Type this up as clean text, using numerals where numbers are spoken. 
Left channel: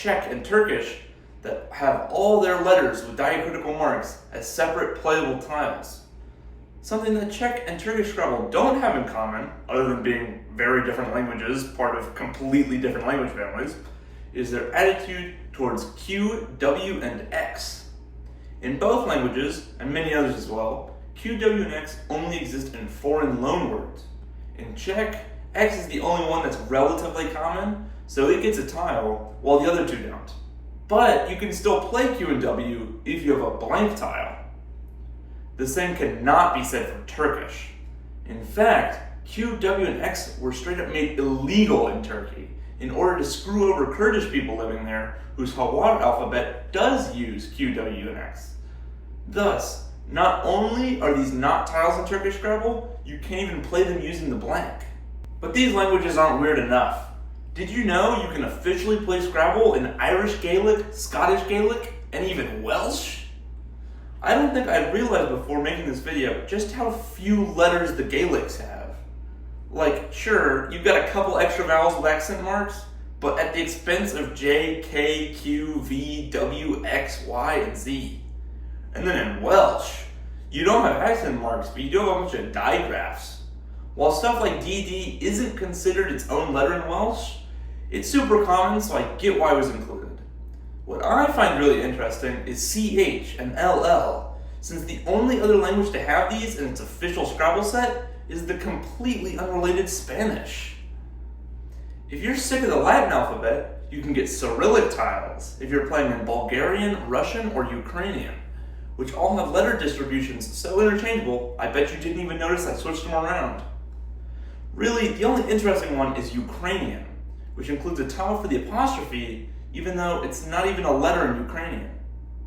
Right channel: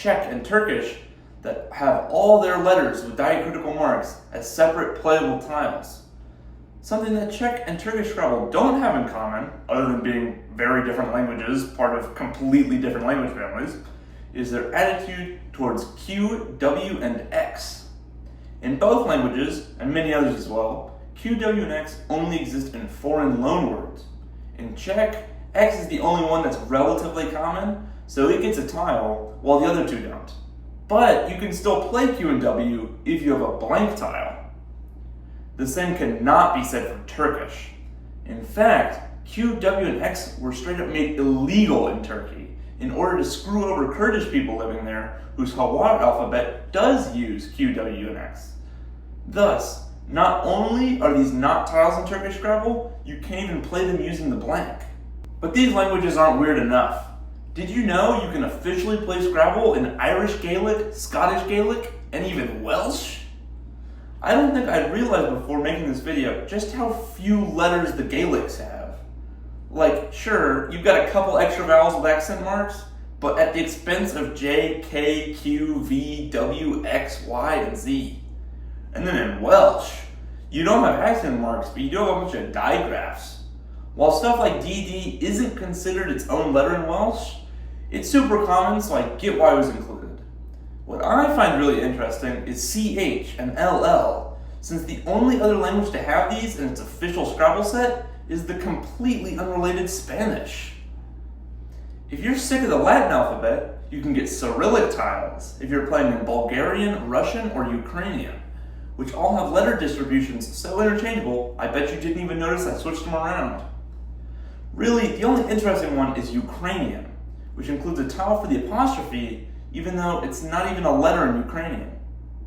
Czech and Turkish that have all their letters with diacritical marks as separate playable tiles. Something that Czech and Turkish Scrabble don't have in common, other than being very different languages, part of completely different language families, is their attitude towards Q, W, and X. In both languages, and many others as well, Q, W, and X only exist in foreign loanwords. In Czech, X is the only one that's relatively common, so it gets a tile, while the other two don't. But you can still play Q and W if you have a blank tile. The same cannot be said for Turkish. In fact, Q, W, and X were straight up made illegal in Turkey in order to screw over Kurdish people living there whose Hawar alphabet does use Q, W, and X. Thus, not only are these not tiles in Turkish Scrabble, you can't even play them using the blank. But these languages aren't weird enough. Did you know you can officially play Scrabble in Irish Gaelic, Scottish Gaelic, and even Welsh? I don't think I'd realized before making this video just how few letters the Gaelics have. Like, sure, you've got a couple extra vowels with accent marks, but at the expense of J, K, Q, V, W, X, Y, and Z. And then in Welsh, you don't have accent marks, but you do have a bunch of digraphs. While stuff like DD isn't considered its own letter in Welsh, it's super common, so I get why it was included. What I find really interesting is CH and LL, since the only other language to have these in its official Scrabble set is the completely unrelated Spanish. If you're sick of the Latin alphabet, you can get Cyrillic tiles if you're playing in Bulgarian, Russian, or Ukrainian, which all have letter distributions so interchangeable, I bet you didn't even notice I switched them around. Really, the only interesting one is Ukrainian, which includes a tile for the apostrophe, even though it's not even a letter in Ukrainian.